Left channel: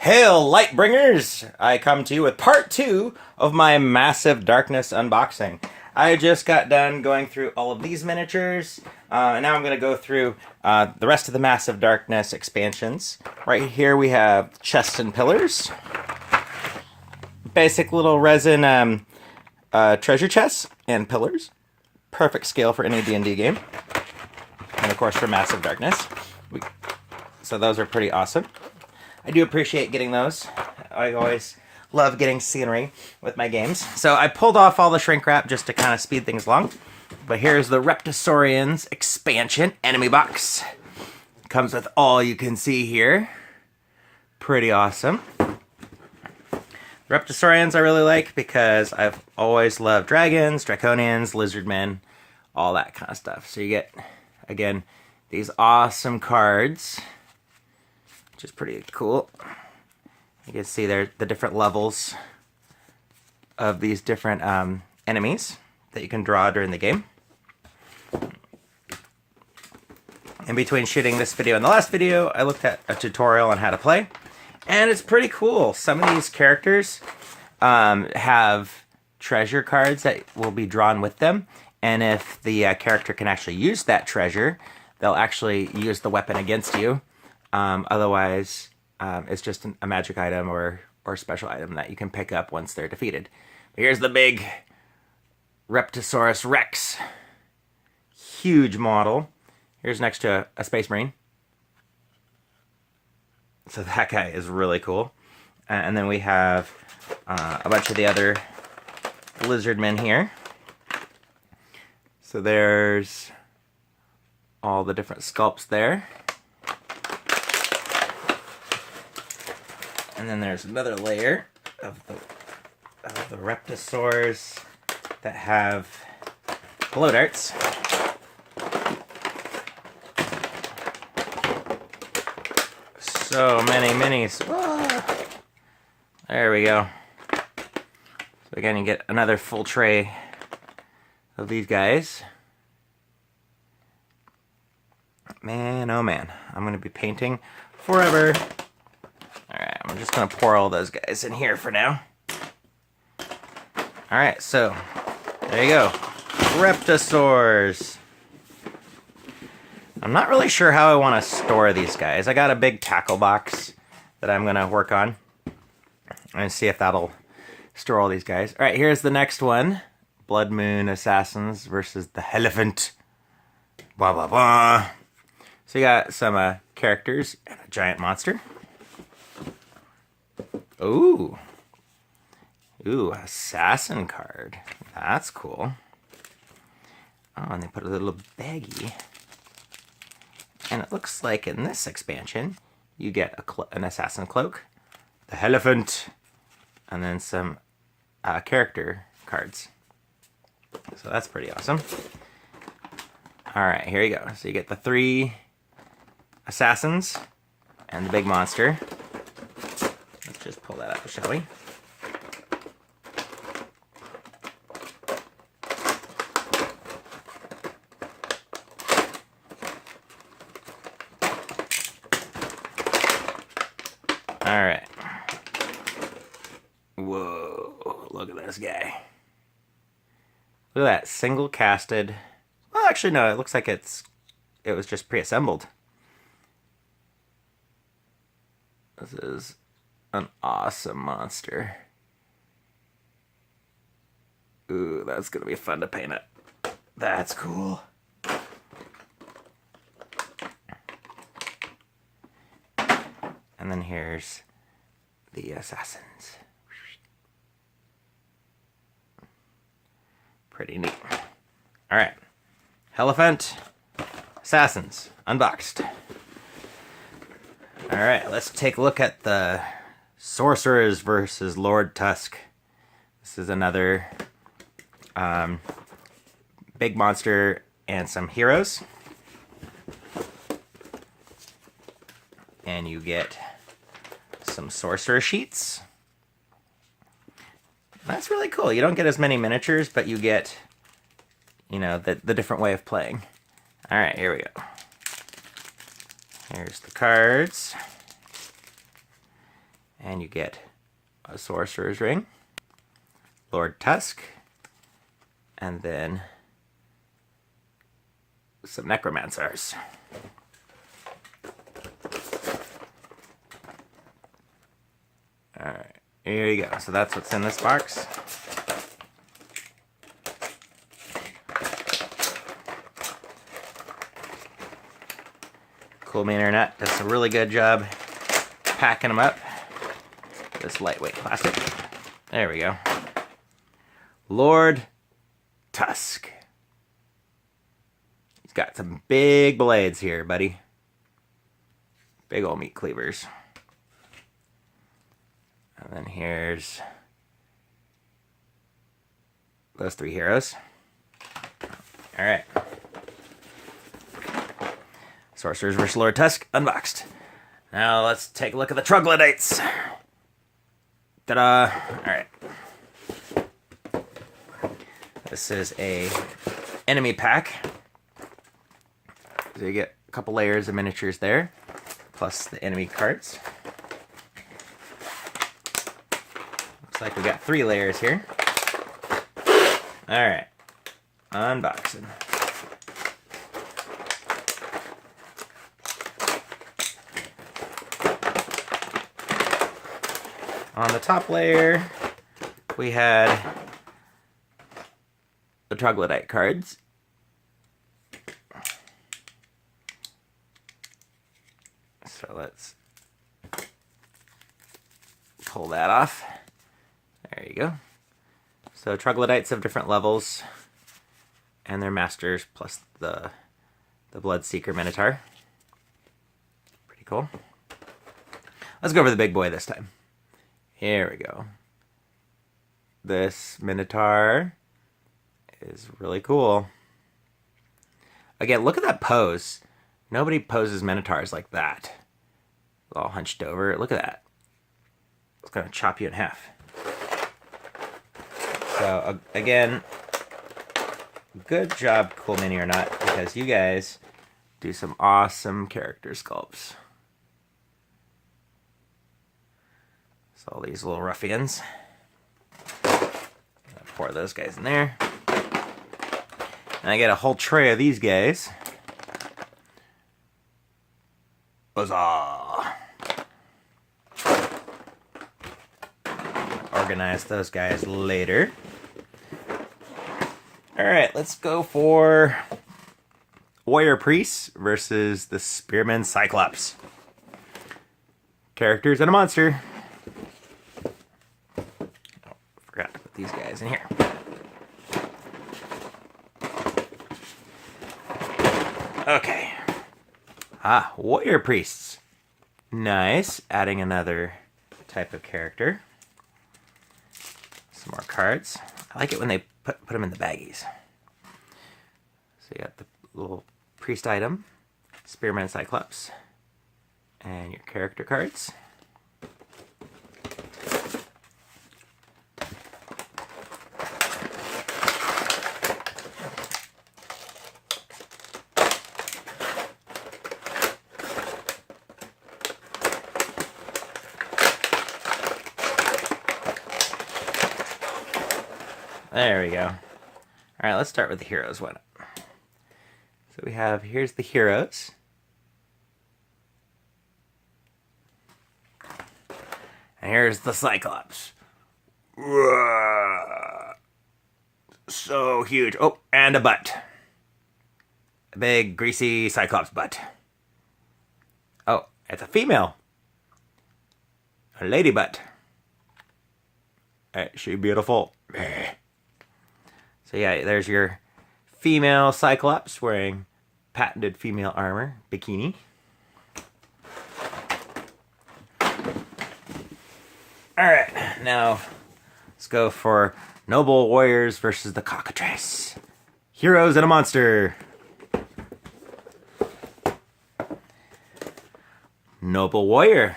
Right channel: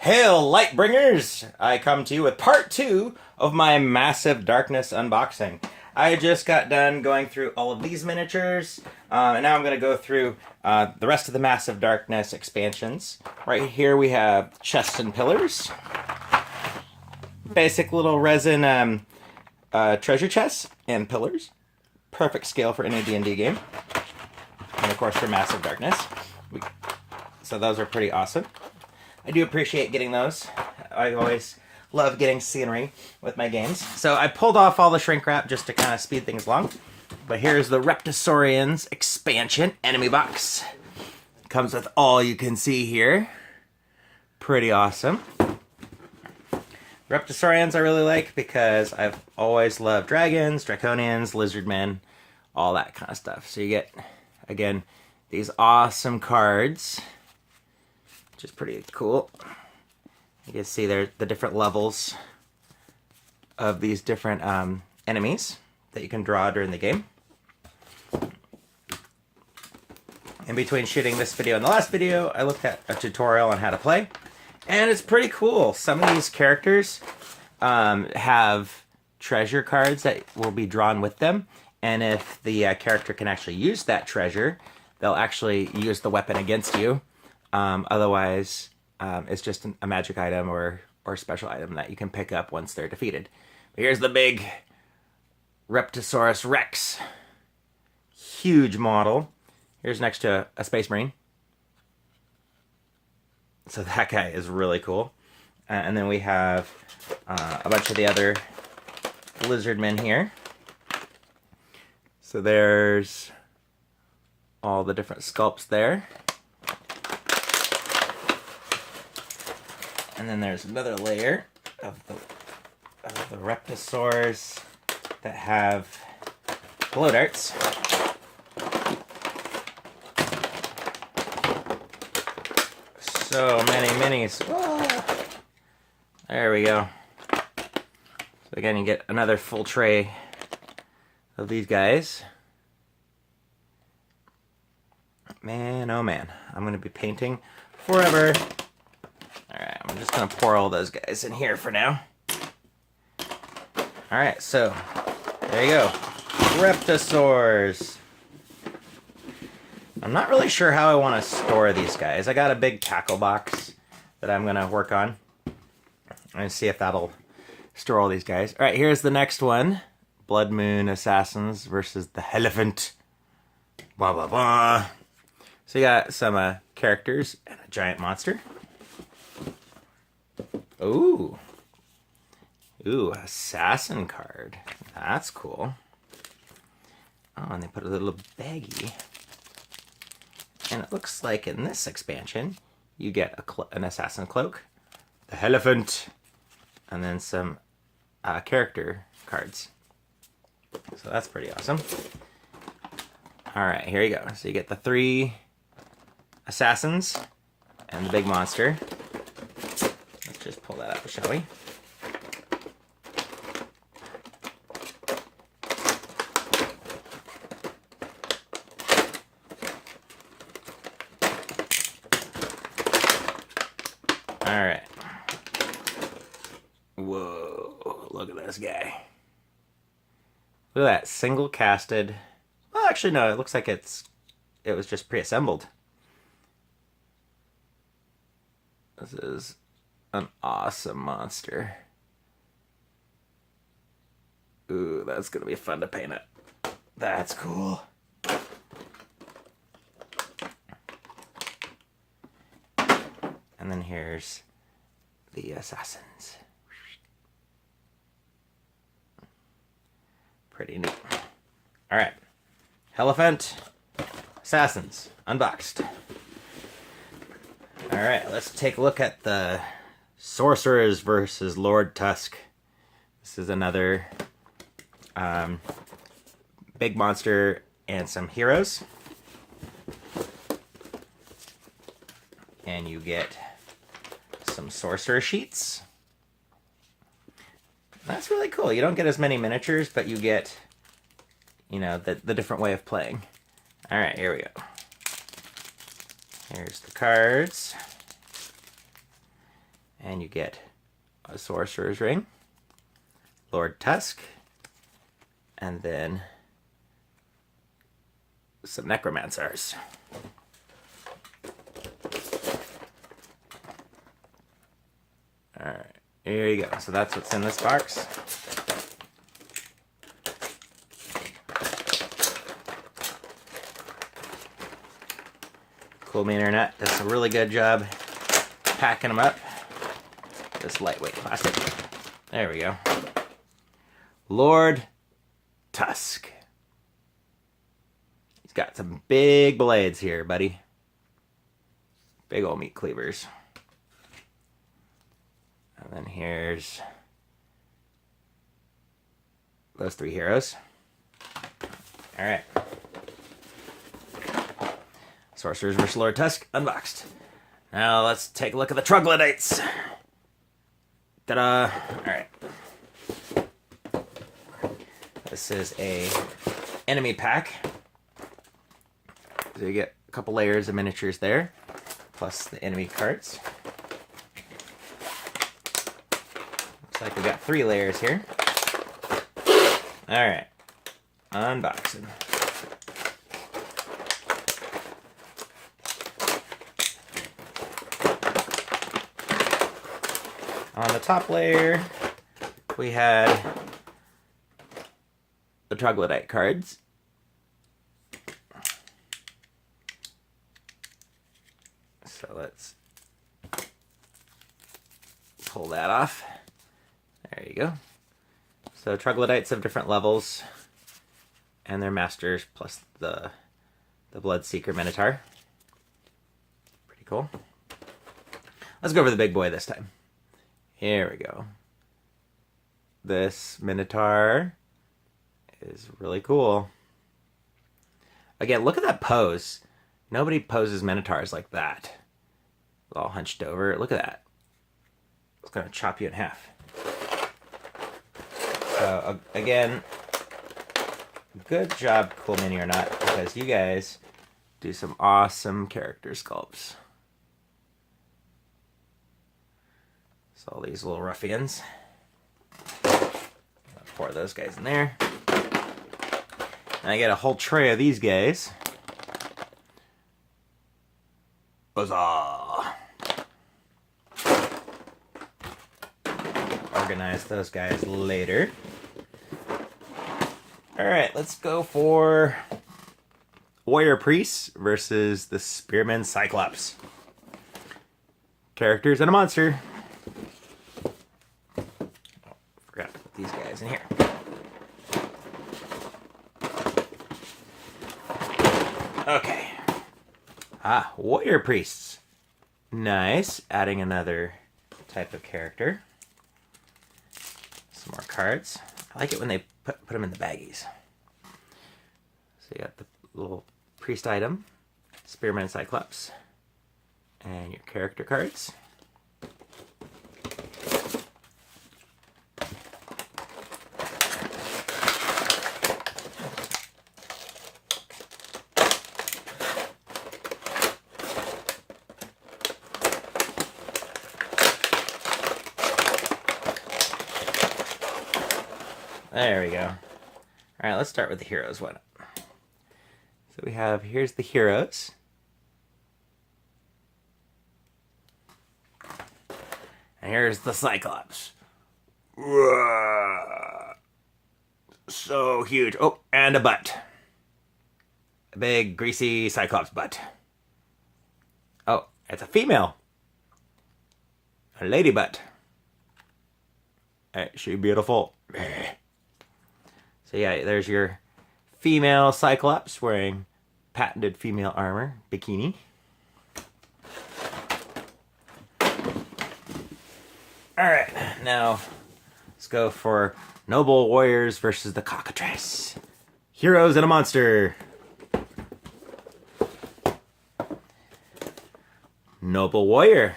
Hail, Lightbringers! I come to you with part 2 of my Massive Darkness unboxing. I just got done going through all of these miniatures, and now I'm going to go through the rest of the Massive Darkness expansions. Right here we have chests and pillars. Basic little resin treasure chests and pillars. Perfect scale for any D&D game. And of course for Massive Darkness. So those are pretty awesome. I do appreciate getting those. I always love getting scenery with my games. So I pulled off all the shrink wrap just to kind of speed things along. But here's the Reptisaurians expansion enemy box. Comes with all you can see here. Pretty awesome. Reptisaurians I really like because I've always loved dragons, draconians, lizardmen, all that kind of stuff. So you get, again, these awesome cards, which is pretty cool. You can see there the different levels of these different enemies that you can draw during the game. In between shooting this video and the last video, I looked at a tutorial on how to play, and it's pretty cool. Some of these characters have treasure cards that will be drawn with them, and if the character can actually use that treasure, they'll actually use the weapon against you. Otherwise, it's just a magic item or special item that you can pick up once they're defeated. Here's the big Reptisaurus Rex. Huge model. Here's next to a Space Marine. So that guy is really cool. And then we have a bunch of the other lizardmen here. So there's all the different sculpts there. And then there's another layer of the Reptisaurs that have blow darts. So many minis. Oh, there we go. So again, you get another full tray of these guys. Man, oh man. I'm going to be painting forever. Alright, I'm just going to pour all those guys in here for now. Alright, so there you go. Reptisaurs. I'm not really sure how I want to store these guys. I got a big tackle box that I'm going to work on and see if that'll store all these guys. Alright, here's the next one. Blood Moon Assassins versus the Elephant. Blah, blah, blah. So you got some characters and a giant monster. Ooh. Ooh, assassin card. That's cool. Oh, and they put a little baggie. And it looks like in this expansion, you get an assassin cloak, the elephant, and then some character cards. So that's pretty awesome. Alright, here you go. So you get the 3 assassins and the big monster. Let's just pull that up, shall we? Alright. Whoa, look at this guy. Look at that, single casted. Well, actually no, it looks like it was just pre-assembled. This is an awesome monster. Ooh, that's gonna be fun to paint it. That's cool. And then here's the assassins. Pretty neat. Alright. Elephant. Assassins. Unboxed. Alright, let's take a look at the Sorcerers versus Lord Tusk. This is another big monster and some heroes. And you get some Sorcerer sheets. That's really cool. You don't get as many miniatures, but you get, you know, the different way of playing. Alright, here we go. Here's the cards. And you get a Sorcerer's Ring, Lord Tusk, and then some Necromancers. Alright, here you go. So that's what's in this box. Cool Mini or Not does a really good job packing them up. This lightweight plastic. There we go. Lord Tusk. He's got some big blades here, buddy. Big old meat cleavers. And then here's those three heroes. Alright. Sorcerers vs. Lord Tusk, unboxed. Now let's take a look at the troglodytes. Ta-da! Alright. This is a enemy pack. So you get a couple layers of miniatures there, plus the enemy cards. Looks like we got 3 layers here. Alright. Unboxing. On the top layer, we had the troglodyte cards. So let's pull that off. There you go. So troglodytes of different levels, and their masters, plus the Bloodseeker Minotaur. Pretty cool. Let's go over the big boy this time. Here we go. This Minotaur is really cool. Again, look at that pose. Nobody poses Minotaurs like that. All hunched over. Look at that. It's going to chop you in half. So, again, good job, Cool Mini or Not, because you guys do some awesome character sculpts. So all these little ruffians. Pour those guys in there. And I get a whole tray of these guys. Huzzah! Organize those guys later. Alright, let's go for Warrior Priests versus the Spearman Cyclops. Characters and a monster. Forgot to put these guys in here. Okay. Warrior Priests. Nice. Adding another type of character. Some more cards. I like it when they put them in the baggies. So you got the little priest item, Spearman Cyclops, and your character cards. There we go. Alright, let's start with the heroes one. So we have, here's the heroes. And here's the Cyclops. So huge. Oh, and a butt. A big, greasy Cyclops butt. Oh, it's a female. A lady butt. Ain't she beautiful? So yeah, there's your female Cyclops wearing patented female armor, bikini. Alright, now let's go for Noble Warriors versus the Cockatrice. Heroes and a monster. Noble Warrior.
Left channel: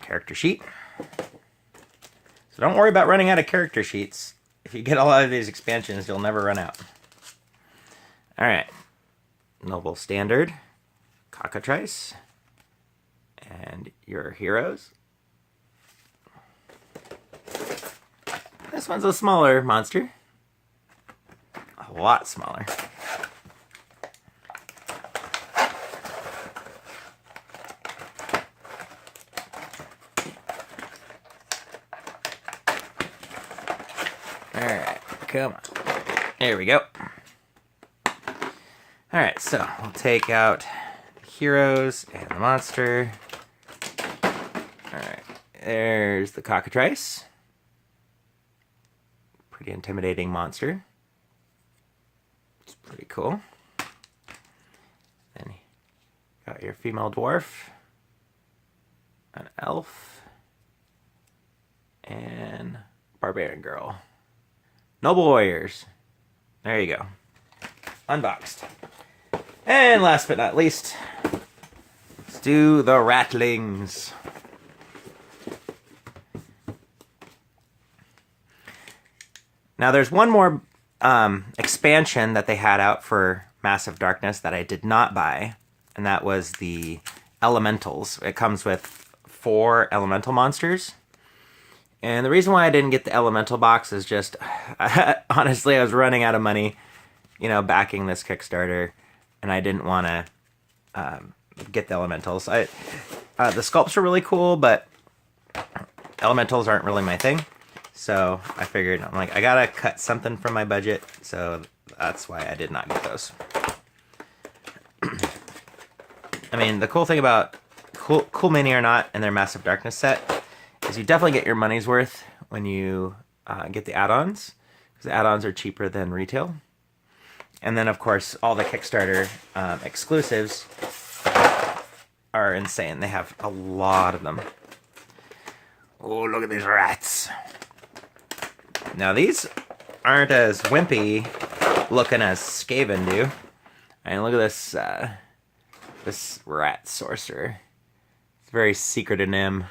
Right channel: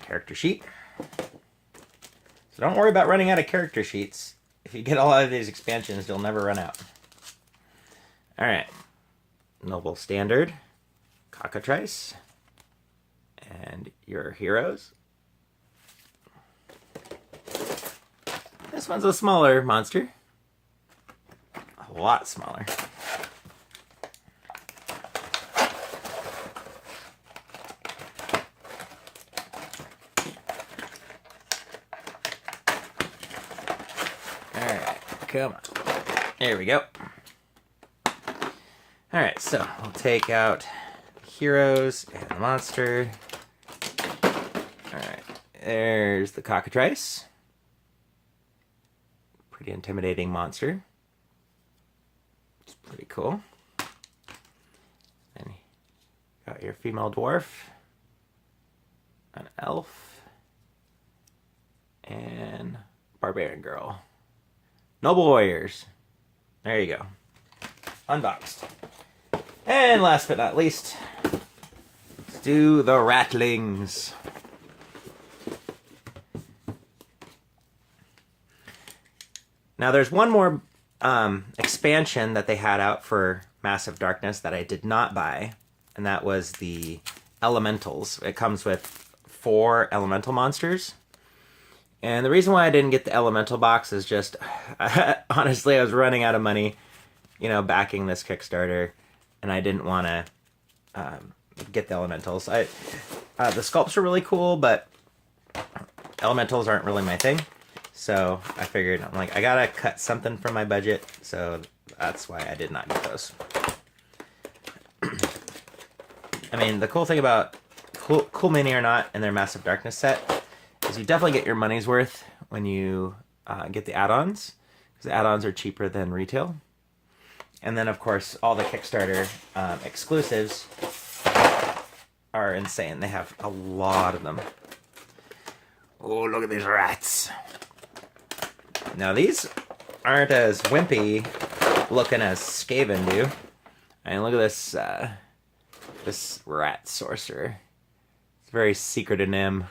Character sheet. So don't worry about running out of character sheets. If you get a lot of these expansions, you'll never run out. Alright. Noble Standard. Cockatrice. And your heroes. This one's a smaller monster. A lot smaller. Alright, come on. There we go. Alright, so we'll take out heroes and the monster. Alright, there's the cockatrice. Pretty intimidating monster. It's pretty cool. And got your female dwarf, an elf, and barbarian girl. Noble warriors. There you go. Unboxed. And last but not least, let's do the ratlings. Now there's one more expansion that they had out for Massive Darkness that I did not buy, and that was the Elementals. It comes with 4 elemental monsters. And the reason why I didn't get the Elemental box is just, honestly, I was running out of money, you know, backing this Kickstarter, and I didn't want to get the Elementals. The sculpts are really cool, but Elementals aren't really my thing. So I figured, I'm like, I gotta cut something from my budget, so that's why I did not get those. I mean, the cool thing about Cool Mini or Not and their Massive Darkness set is you definitely get your money's worth when you get the add-ons, because the add-ons are cheaper than retail. And then, of course, all the Kickstarter exclusives are insane. They have a lot of them. Oh, look at these rats. Now, these aren't as wimpy looking as Skaven do. I mean, look at this, this rat sorcerer. It's very secret in him.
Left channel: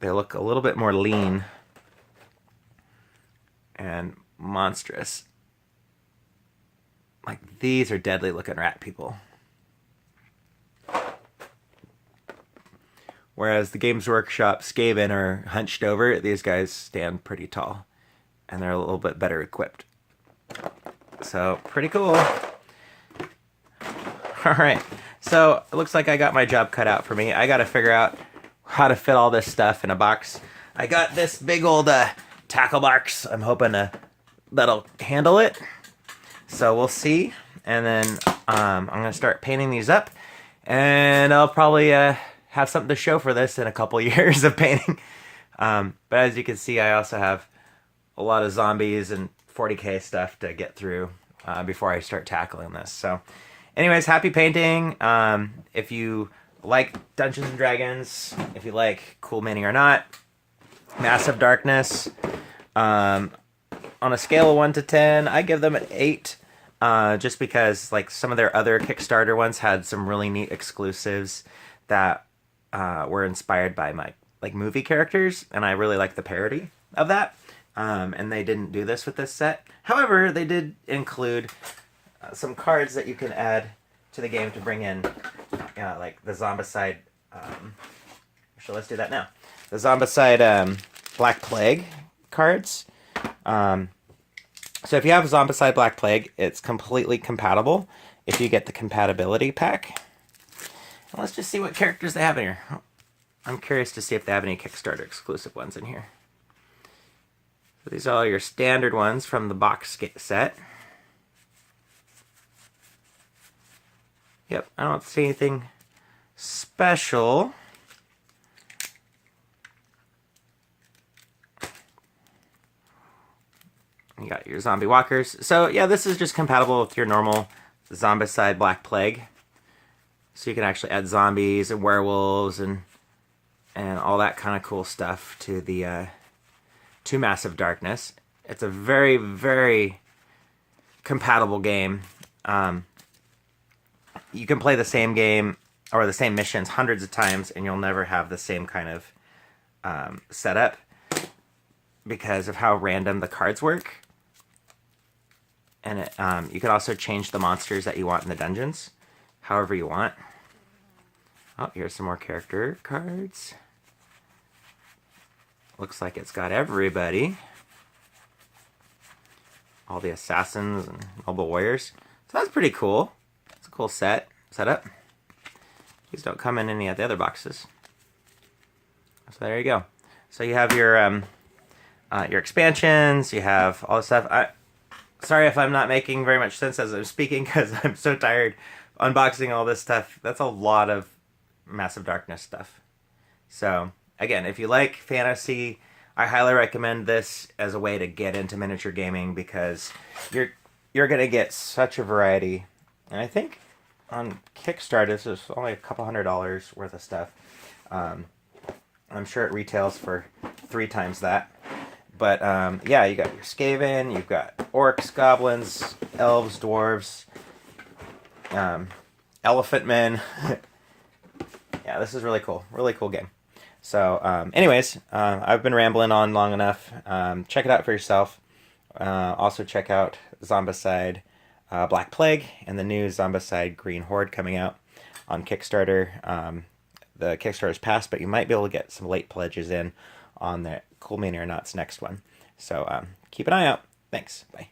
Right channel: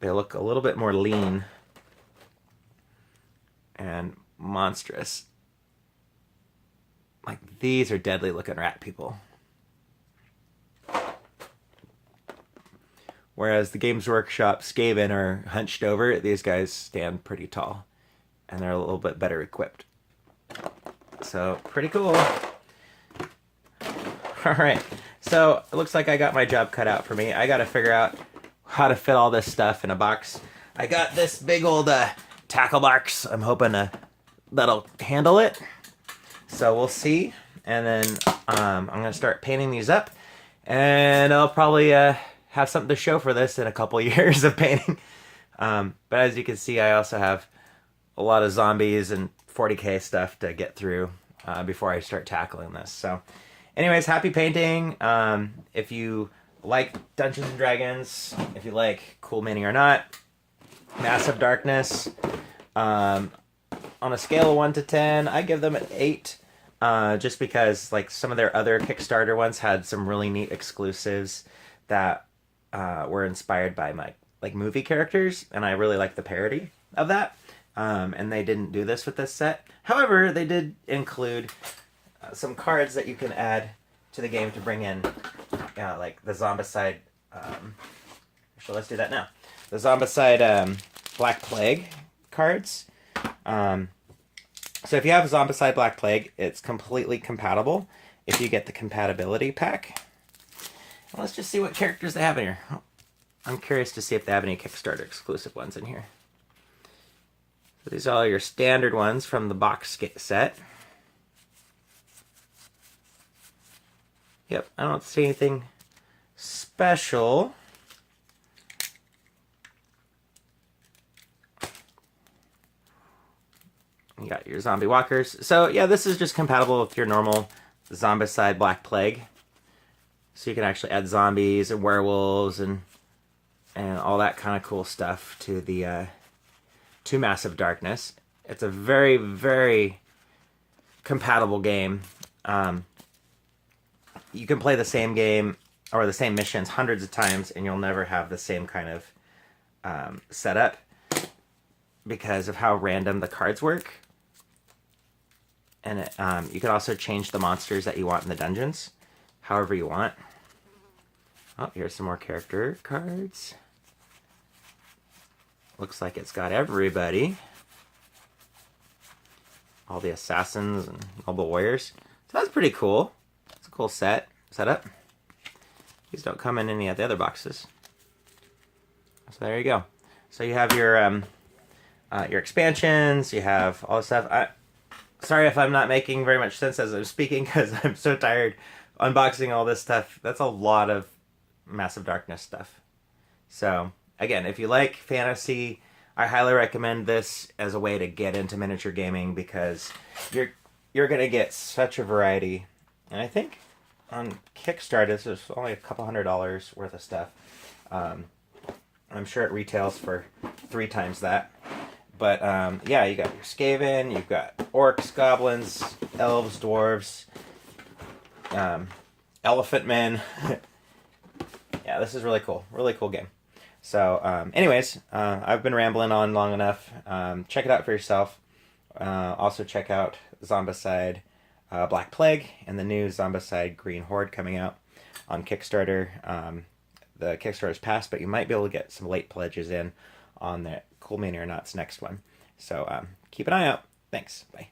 They look a little bit more lean and monstrous. Like, these are deadly looking rat people. Whereas the Games Workshop Skaven are hunched over, these guys stand pretty tall. And they're a little bit better equipped. So, pretty cool. Alright, so it looks like I got my job cut out for me. I gotta figure out how to fit all this stuff in a box. I got this big old tackle box. I'm hoping that'll handle it. So we'll see. And then I'm gonna start painting these up. And I'll probably have something to show for this in a couple years of painting. But as you can see, I also have a lot of zombies and 40k stuff to get through before I start tackling this. So anyways, happy painting. If you like Dungeons and Dragons, if you like Cool Mini or Not, Massive Darkness, on a scale of 1 to 10, I give them an 8. Just because like some of their other Kickstarter ones had some really neat exclusives that were inspired by my movie characters, and I really like the parody of that. And they didn't do this with this set. However, they did include some cards that you can add to the game to bring in, like the Zombicide. So let's do that now. The Zombicide Black Plague cards. So if you have Zombicide Black Plague, it's completely compatible if you get the compatibility pack. Let's just see what characters they have in here. I'm curious to see if they have any Kickstarter exclusive ones in here. So these are all your standard ones from the box set. Yep, I don't see anything special. You got your zombie walkers. So yeah, this is just compatible with your normal Zombicide Black Plague. So you can actually add zombies and werewolves and all that kind of cool stuff to the to Massive Darkness. It's a very, very compatible game. You can play the same game or the same missions hundreds of times, and you'll never have the same kind of setup because of how random the cards work. And you can also change the monsters that you want in the dungeons however you want. Oh, here's some more character cards. Looks like it's got everybody. All the assassins and noble warriors. So that's pretty cool. It's a cool setup. These don't come in any of the other boxes. So there you go. So you have your expansions. You have all this stuff. Sorry if I'm not making very much sense as I'm speaking because I'm so tired unboxing all this stuff. That's a lot of Massive Darkness stuff. So again, if you like fantasy, I highly recommend this as a way to get into miniature gaming because you're gonna get such a variety. And I think on Kickstarter this is only a couple $100 worth of stuff. I'm sure it retails for 3 times that. But yeah, you got your Skaven, you've got orcs, goblins, elves, dwarves, elephant men. Yeah, this is really cool. Really cool game. So, anyways, I've been rambling on long enough. Check it out for yourself. Also check out Zombicide Black Plague and the new Zombicide Green Horde coming out on Kickstarter. The Kickstarter's passed, but you might be able to get some late pledges in on the Cool Mini or Not's next one. So keep an eye out. Thanks. Bye.